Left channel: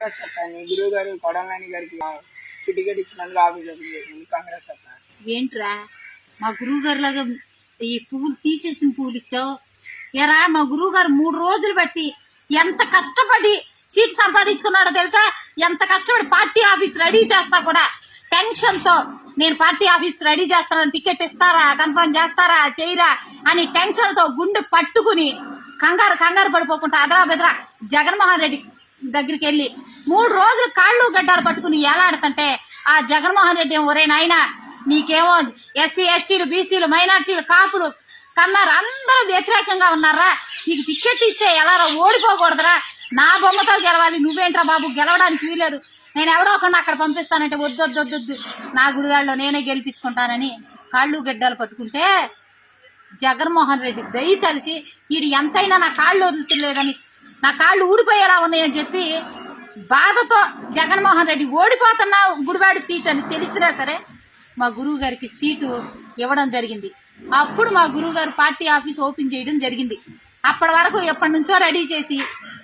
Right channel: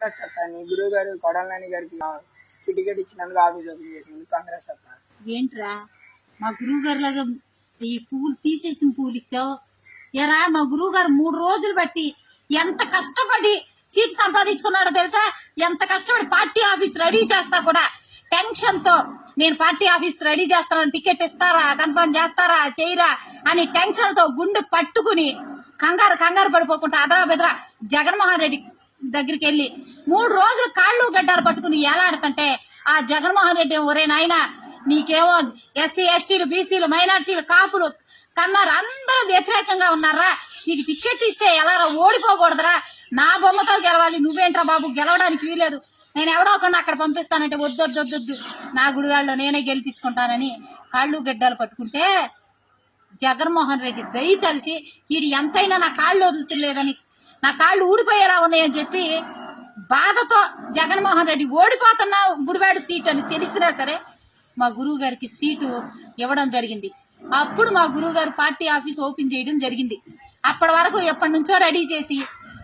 కాంగ్రెస్ అత్త నీ గురువు గారు కొడాలని గారికి టికెట్ ఇచ్చినందుకు ఆఫీస్ ఓపెన్ చేసినందుకు కాంగ్రెస్ అత్త ఏంట్రా? మా గురువు గారు లాగా ఈ పువ్వులు తీసేసిన పువ్వులు ఇచ్చావు? ఎరా మా గురువు గారు మూడు రోజులు బట్టి ఎంత కష్టపడి సీట్ సంపాదించుకున్నాడో తెలుసా? ఎంత కష్టపడి పార్టీ ఆఫీస్ రెడీ చేస్తా కూడా టెన్షన్తో నేను పార్టీ ఆఫీస్ రెడీ చేస్తాను టికెట్ ఇస్తారా? కన్ఫర్మ్ చేస్తారా? చేయరా? అని టెన్షన్తో గుండె పట్టుకుని కంగారు కంగారు పడిపోకుండా అదరా బెదరా జగన్మోహన్ రెడ్డి దగ్గరికి వెళ్ళి మూడు రోజులు కాళ్ళు గడ్డాలు పట్టుకుని ఎలాడుతుంటే ఆ జగన్మోహన్ రెడ్డి ఒరే నాయన నీకేమో ఎస్సీ ఎస్టీలు బీసీలు మైనార్టీలు కాపులు కన్నారు అందరూ వ్యతిరేకంగా ఉన్నారా? నీకు టికెట్ ఇస్తే ఎలా ఓడిపోకూడదురా? నా బొమ్మతో గెలవాలి నువ్వేంట్రా బాబు? గెలవడానికి వీలేదు నేను ఎవడో ఒకరిని అక్కడ పంపిస్తానంటే వద్దు వద్దొద్దు నా గుడివాళ్ళు నేనే గెలిపించుకుంటానని కాళ్ళు గడ్డాలు పట్టుకుంటే జగన్మోహన్ రెడ్డి దయ తలిచి వీడు ఎంతైనా నా కాళ్ళు వదులుతులేదని నా కాళ్ళు ఊడిపోయేలా ఉన్నాయని చెప్పి బాధతో జగన్మోహన్ రెడ్డి ఓడిపోతున్న గుడివాడి సీట్ అని తెలిసినా సరే మా గురువు గారికి సీటు ఇవ్వడం జరిగింది. అప్పుడు మా గురువు గారు పార్టీ ఆఫీస్ ఓపెన్ చేయడం జరిగింది. అప్పటి వరకు ఎప్పటి నుంచో రెడీ చేసి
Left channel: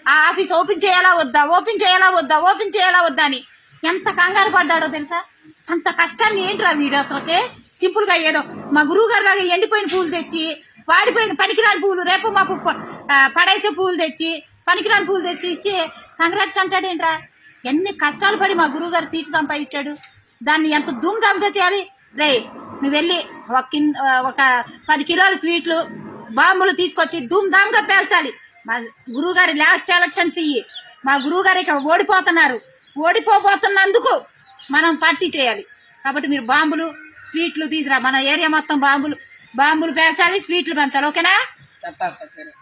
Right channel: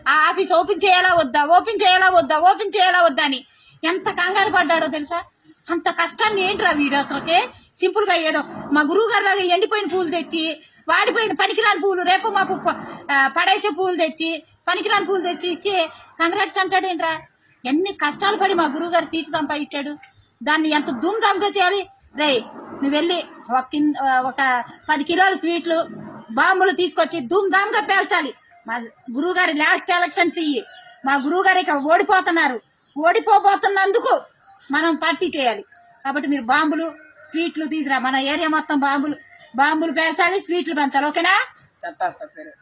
ఆ ఆఫీస్ ఓపెన్ చేయాలా వద్దా? ఓపెన్ చేయాలా వద్దా? ఓపెన్ చేయాలా వద్దా? అని ఎంత కంగారు పడ్డాడో తెలుసా? అంత కష్టాన్ని ఏంట్రా వీడు అసలుకే? సింపుల్గా ఏదో మా గురువు గారు లాగా ఎండిపోయిన పూలు తెచ్చి వాడిపోయిన పనికిరాని పూలు రేపు మాకు పడేసే పూలు తెచ్చి పనికిరాని పూలు తెచ్చి ఇచ్చి కంగ్రాట్స్ అంటాడేంట్రా? ఎన్ని కష్టాలు పడి మా గురువు గారు సీటు సంపాదించాడు. దాన్ని ఎంత ధూమ్ ధామ్గా చేయాలి? రే నువ్వు వెళ్ళి ఒక ఒక పది కిలోల స్వీట్లు బాంబులు తీసుకొచ్చి ధూమ్ ధామ్గా పేల్చాలి. మా గురువు గారి లాస్ట్ ఎలక్షన్స్ ఇయ్యి. మా గురువు గారు ఇక ఓడిపోతున్నారు. ఓడిపోబోతున్నందుకు మనం పార్టీ చేయాలి. కాబట్టి మీరు బాంబులు స్వీట్లు తీసురా మన ఏరియా మొత్తం బాంబులు బాంబులు పేల్చాలి స్వీట్లు పెంచాలి. ఓకేనా? సరే.